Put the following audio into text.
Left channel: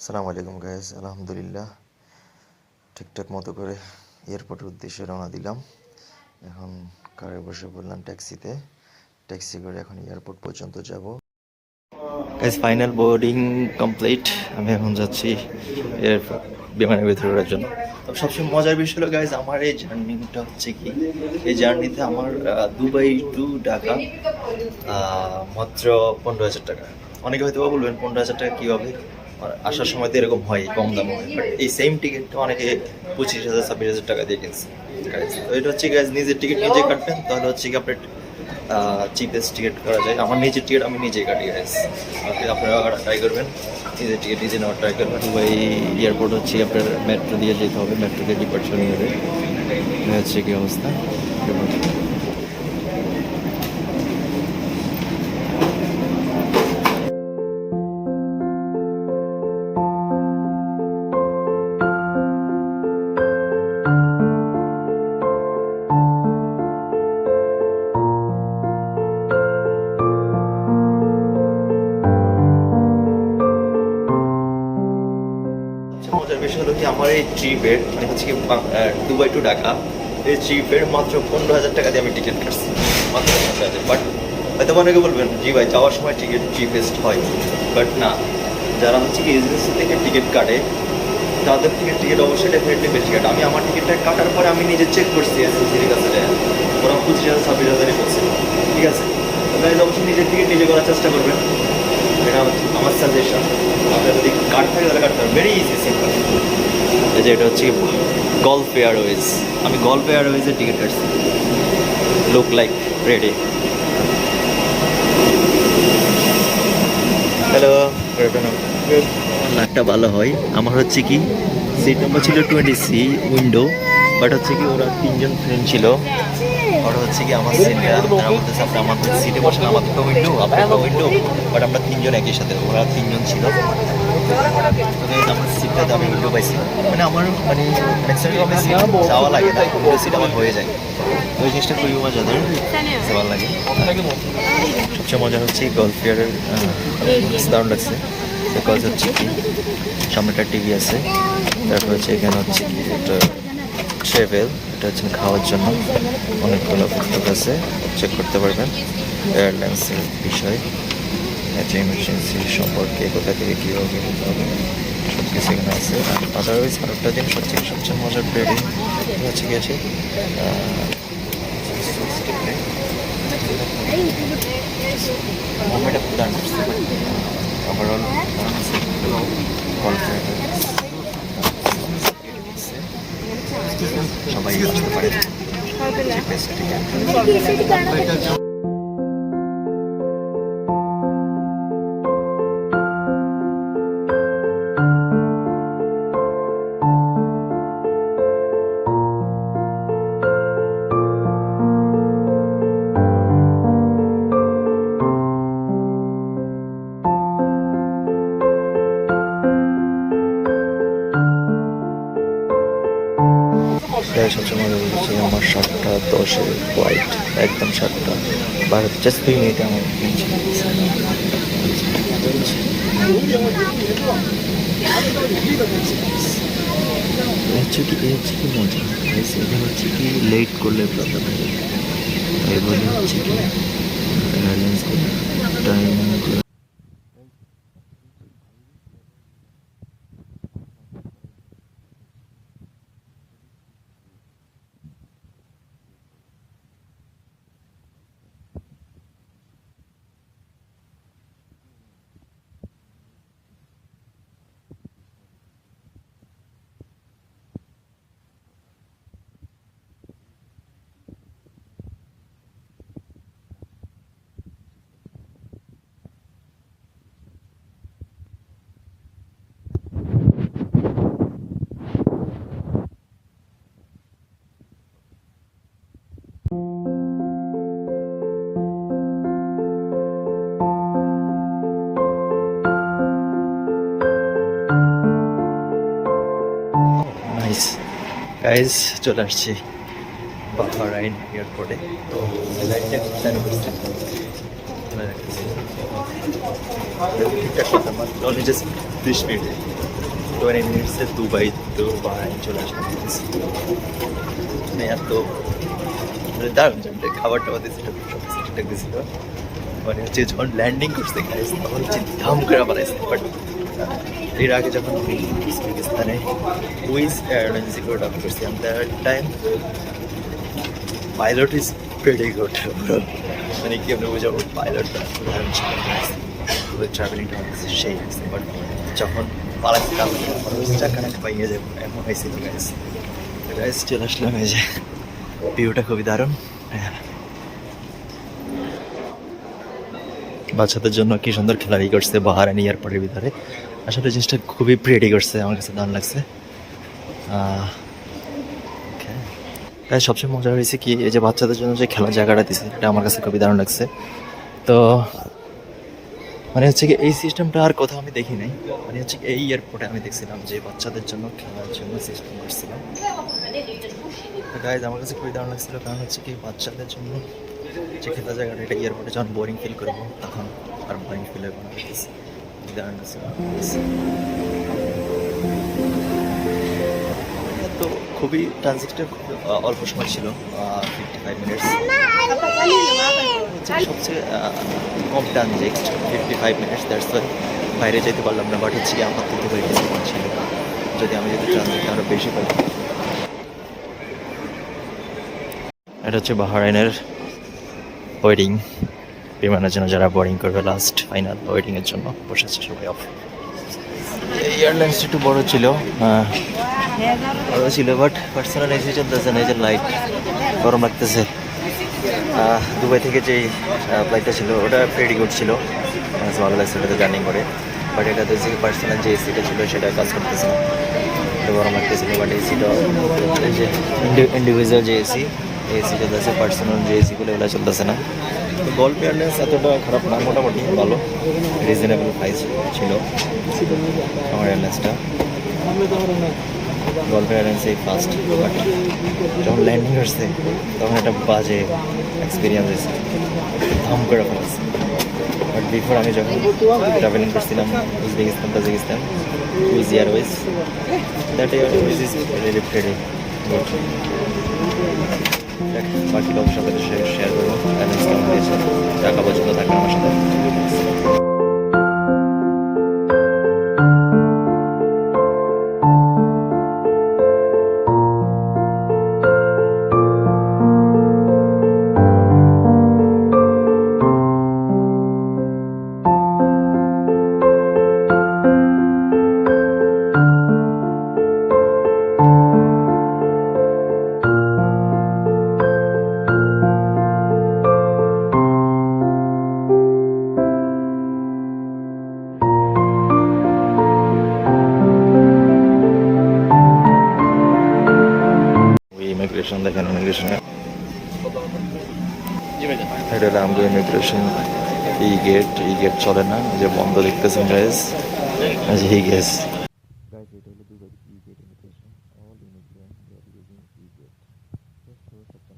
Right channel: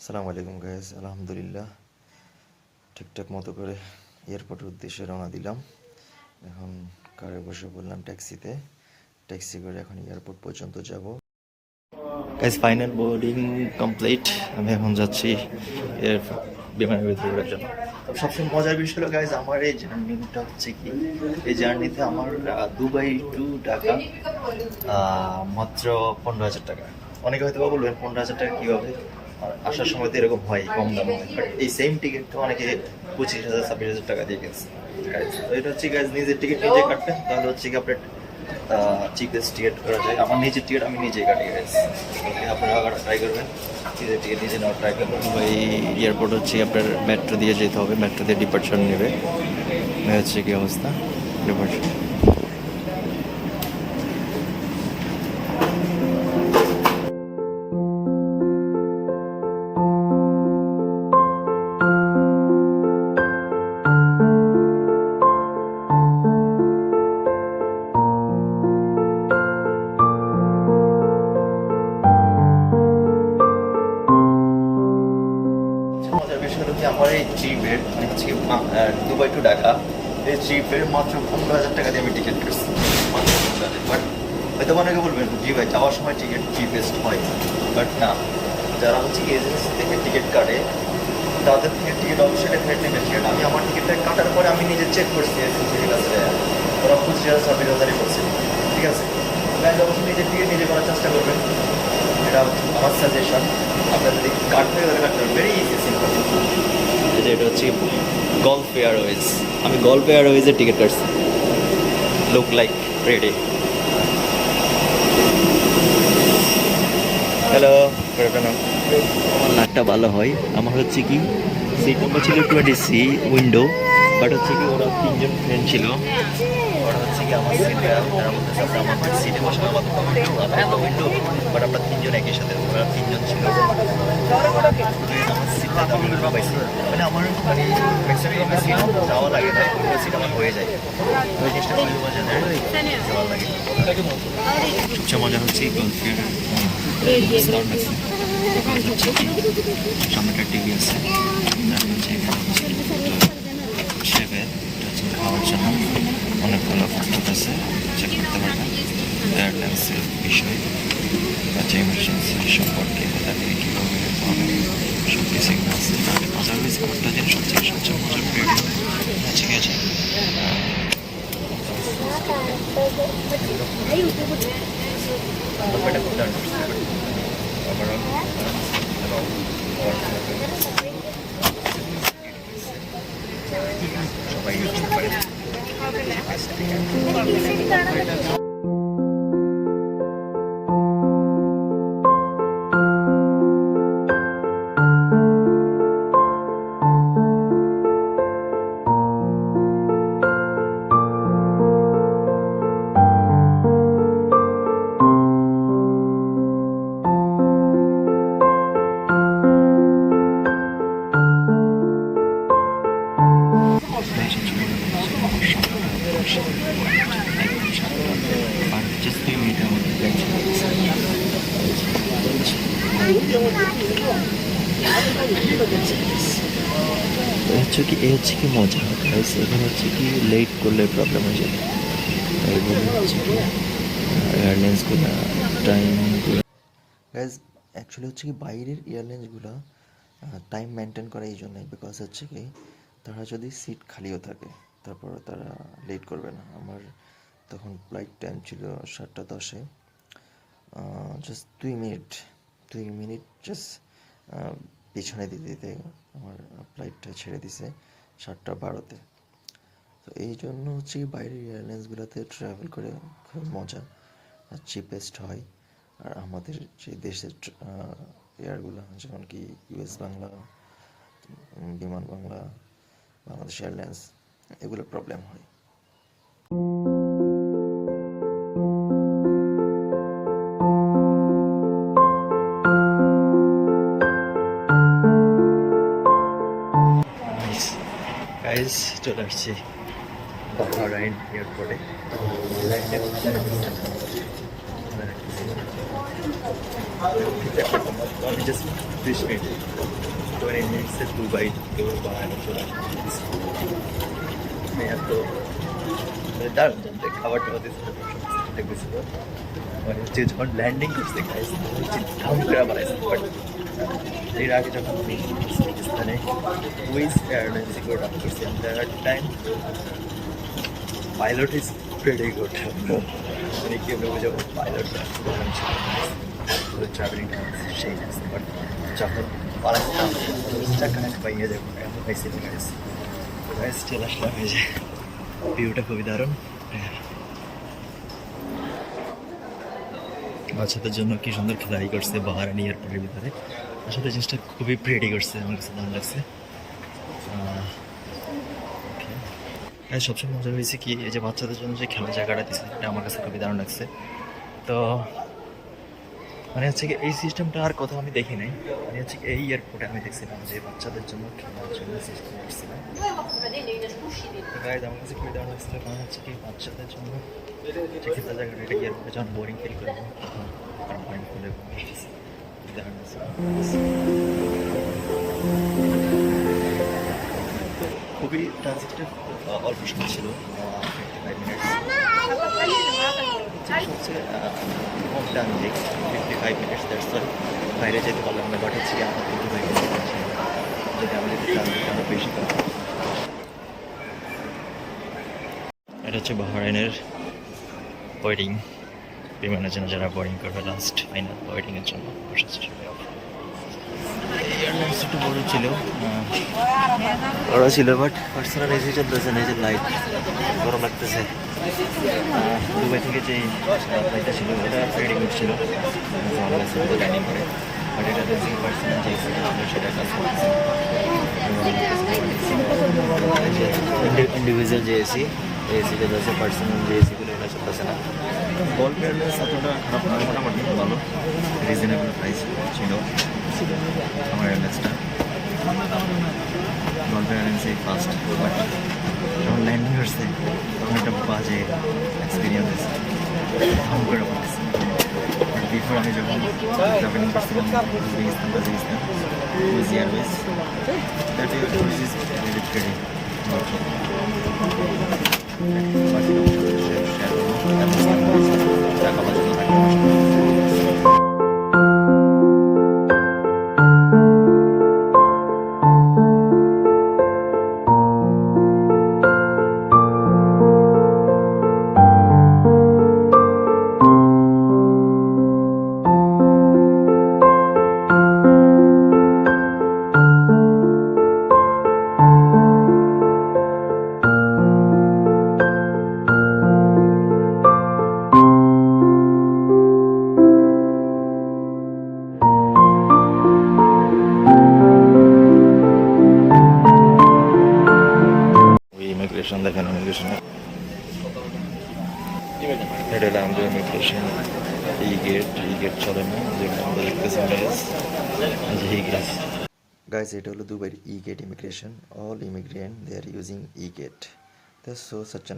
আসসালামু আলাইকুম গাইস, আলহামদুলিল্লাহ ঠিকঠাক মতো করে এয়ারপোর্টের উদ্দেশ্যে রওনা দিলাম। এখন কারে বসে পড়লাম ট্যাক্সি করে এখন এয়ারপোর্ট পর্যন্ত যাব। Guys final boarding complete. আমি এখন যাচ্ছি বিমানের ভিতরে ওঠার জন্য। তবে সবচেয়ে মজার বিষয় হলো গাইস, আমার এই জার্নিটা হচ্ছে কি, এই জার্নিতে আমার দুবাই টু ঢাকা মাত্র 15,000 টাকা। অনেকে হয়তো বলবেন 15,000 টাকা কী হবে, আর আসার সময় তো এরকম হয়, কম দাম হয়, বাট এই সেম টিকিটটা অনেকে 25,000 26,000 টাকা দিয়ে কিনছে। তো এটা হচ্ছে গাইজ, নিজের টিকিট নিজে কাটবেন, তাহলে হচ্ছে কি আপনার চিপেস্ট টিকিট করা যায়। আমার নিজের টিকিট আমি নিজেই কাটি গাইজ। আপনারা ট্রাই করবেন, নিজের টিকিট নিজে নেওয়ার ট্রাই করবেন। দুবাই এয়ারপোর্ট হচ্ছে আপনার মেট্রো দিয়ে যেতে হবে, মেট্রো দিয়ে ডিপার্চার নেবে। হচ্ছে কি অবস্থা ডিপার্চার। মজার বিষয় হলো কি, আমার এই ট্রিপের মানে হচ্ছে কি দুবাই টু ঢাকা, এই ট্রিপের মাত্র 15,000 টাকা দিয়ে আমি টিকিট কাটছি, মাত্র 15,000। বাট হয়তো অনেকে বলবেন জি ভাই যাওয়ার সময় টিকিট চিপেস্ট হয়, বাট না, যারা হচ্ছে কি এজেন্সি থেকে টিকিট কাটে তাদের থেকে টিকিট অবশ্যই ডেফিনেটলি বেশি কাটে। আমি আমার টিকিটটা কাটার পরে আমি নিজে চেক করছি এজেন্সির কাছে যায়, ওরা 25,000 26,000 বলছে। ঠিক আছে, গাইজ অবশ্যই নিজের টিকিট নিজে করার চেষ্টা করবেন, এটা আমার সাজেশন। আপনার যদি কার্ড থাকে তাহলে কাটতে পারেন, ভেরি ইজি সিম্পল। এই যে এটা হচ্ছে গল্ফ এয়ারওয়েজ, আমি গল্ফ এয়ারওয়েজের টিকিট কাটছি। Look like ready. হ্যালো, আমার লাকটা ভালো হয়। আমার হচ্ছে কি সিট নম্বর ছিল 20C উইন্ডো, বাট হচ্ছে কি ওরা 3জন ফ্রেন্ড ছিল। ওরা হচ্ছে কি আমার সিটটা, তারা বলতেছে আপনি আমাদের সিটে বসেন, আমাদের তো উইন্ডো আপনার তো উইন্ডো, বাট আমরা 3জন একই সাথে, ওরা 3জন ছিল। আমার সিটটাতে আমি উইন্ডো পাইছি, মানে আমার মানে ম্যাক্সিমাম আমি সিট যাওয়া লাগে না, উইন্ডো সিট আমার হয়ে যায়। তো ওই জিনিসটা খুবই মজাদার, ভালো লাগে। সবচেয়ে মজা হচ্ছে গল্ফ এয়ারের দারুণ লাগছে, বিকজ হচ্ছে কি সামনে একটা টিভি আছে, তারপর হচ্ছে এখানে হচ্ছে কি একটা ট্রেভেল, এটা হচ্ছে খাওয়ার জন্য অনেকগুলো পুস্তক আছে, চেক করতে পারবেন এয়ারলাইন্সের বিষয়, এমার্জেন্সি সম্পর্কে, কোথা থেকে কীভাবে যেতে হবে, সব কিছু এখানে আছে। আর আদারওয়াইজ আরেকটা জিনিস হচ্ছে সবচেয়ে মজার হচ্ছে গেছে মোবাইলটা খুব দারুণ করছে, বাট ওভারঅল সবাই বুঝতে পারে। সবচেয়ে মজা বলছে আমার 7:10-এর ফ্লাইট, একদম 7:12, জাস্ট 2 মিনিটে আমার হচ্ছে কি, এ হচ্ছে কি মজা। এখানে হচ্ছে কি লেট করলে প্রবলেম হয়ে যাবে, তাই বলে হচ্ছে কি এয়ারলাইন্সগুলো টাইমগুলো গাইজ অ্যাকচুয়ালি হচ্ছে কি বাইরের এয়ারলাইন্সগুলো টাইম মেনটেন করে এই জন্যই, বিকজ হচ্ছে কি তারা যদি সিট খালিও থাকে তারপর তারা লেট করবে না। আমার তখন ফ্লাইট টাইম ছিল 7:10-এ, জাস্ট 2 মিনিট জাস্ট পিছনে দিতে দিতে আমার ফ্লাইটটা ছেড়ে দিছে 7:12-তে। তো এই জন্য হচ্ছে বাইরের এয়ারলাইন্সগুলোতে ট্রাভেল করে খুব মজা, আর চিপেস্ট হয়। আর আমাদের যে দেশের এয়ারগুলো যেমন কি ইউএস বাংলা, বাংলাদেশ এয়ারলাইন্স, এগুলো প্রবলেম হয়। গাইজ চলে আসছি বাহরাইন এয়ারপোর্টে। তো এখানে রাখতেছি ঠিকঠাক কথা আমার অনলি জাস্ট 30 মিনিটে 20 মিনিটসে দুবাই চলে আসলাম মানে এত মানে দারুণ জানতে খাবার টাবার দিয়েছিল সব ঠিকঠাক দিয়েছিল মানে হচ্ছে যখন ল্যান্ডিং করছে গাইস তখন হচ্ছে ধাম করে বানাইছে বাট এর আগে যখন আমি উজবেকিস্তানে উইজ এয়ারলাইন্সে করে ডাউন করছি আমি that time pilot is pretty good মানে কি আমরা বোঝাবো পাইলটটা দারুণ ছিল গাইস পুরো ট্রাভেলিংটা আমার কাছে সেই লাগছে বাট যখন পালাচ্ছিলাম আমার চাকা নাকা পাইয়ে যাবো এমন হয়েছিল গাইস গাইস চলে আসলাম এই যে ভিউটা খুবই দারুণ বাচ্চাদের জন্য কি সুন্দর খেলারি করছে বাহারানি এয়ারপোর্টের ভিতরে আসলে জিনিসটা খুবই প্রিটি করছে আমার কাছে দারুণ লাগছে তাই সবচেয়ে মজা হয়েছে কি এই যে বাচ্চাদের জন্য যে খেলার জায়গাটা দিচ্ছে এটা আমার কাছে খুবই দারুণ লাগছে তো মানে হচ্ছে কি এই সিস্টেমটা আর কোথাও আমি দেখি নাই মানে হচ্ছে এই এয়ারপোর্টে আমি দেখছিলাম যে বাচ্চাদের জন্য খেলার জন্য সিস্টেম করছিলাম তো গাইজ আমার কাছে খুবই দারুণ লাগছিল কারণ হচ্ছে কি বাচ্চাদের জন্য যে খেলার জায়গাটা এটা এয়ারপোর্টে যখন বোরিং ফিল করবো তখন আর বোরিং ফিল হবে না দারুণ লাগছিল তো খুবই ট্রানজিটটা অল্প সময় ছিল 55 মিনিটস সবচেয়ে কম ট্রানজিট 55 মিনিটস দ্যাটস ওয়াই বাইরে যেতে পারলাম না বাট হচ্ছে আমার কিন্তু হয়ে গেছে ছিল যদি আমি যদি ট্রানজিটটা আরও বেশি পেলাম এটা হচ্ছে বাহরাইনের ওয়েটিং বিমানের জন্য যারা বোর্ডিং করবে লাস্ট ফাইনাল ওয়েটিংয়ের জন্য বসেছে সবাই অফ এই এয়ারলাইন্সটা একটু বড় ছিল বাট পার্সোনাল এসি চলতেছে না এই যে লাইট গরম লাগতেছে দুবাই থেকে যে ফ্লাইটটা ছিল ওটা প্রেটি গুড ছিল ভালো লাগছে ওটাতে জার্নি করে বাট এটাতে যে পার্সোনাল যে এসিটা ছিল সেটা কাজ করতেছে না গরম লাগতেছিল বাট এসিটা এই যে ইন্ডিভিজুয়াল যে এসি এসি চলতেছে পার্সোনাল যে এসিগুলো এগুলো চলতেছে না তো গল্ফ এয়ারলাইন্স এতটা খারাপ না মোটামুটি ভালো রিজনেবল প্রাইস ছিল আমার এয়ারলাইন্সটা গল্ফ এয়ারলাইন্সেই ফার্স্ট বাট যখন ল্যান্ডিং করছে তখন একটা বাজে এক্সপিরিয়েন্স হয়েছে ধাম করে ফেলেছে বাট বিফোর আমি যখন ট্রাভেলিং করছিলাম Uzbekistan Tajikistan Wizz airways that airways is related বাকিটা অবশ্যই আপনাদের শেয়ার করবো এয়ারলাইন্স কেমন হয়েছে টাকা পর্যন্ত থাকবে আমার সাথে ইমিগ্রেশন দেখেন ইমিগ্রেশন এটা হলো আমাদের ইমিগ্রেশন ই গেট চলে না যে বন্ধ দেখতেছেন গাইস গাইস এটা হলো দুবাইয়ের E gate immigration all immigrant they are using E gate so such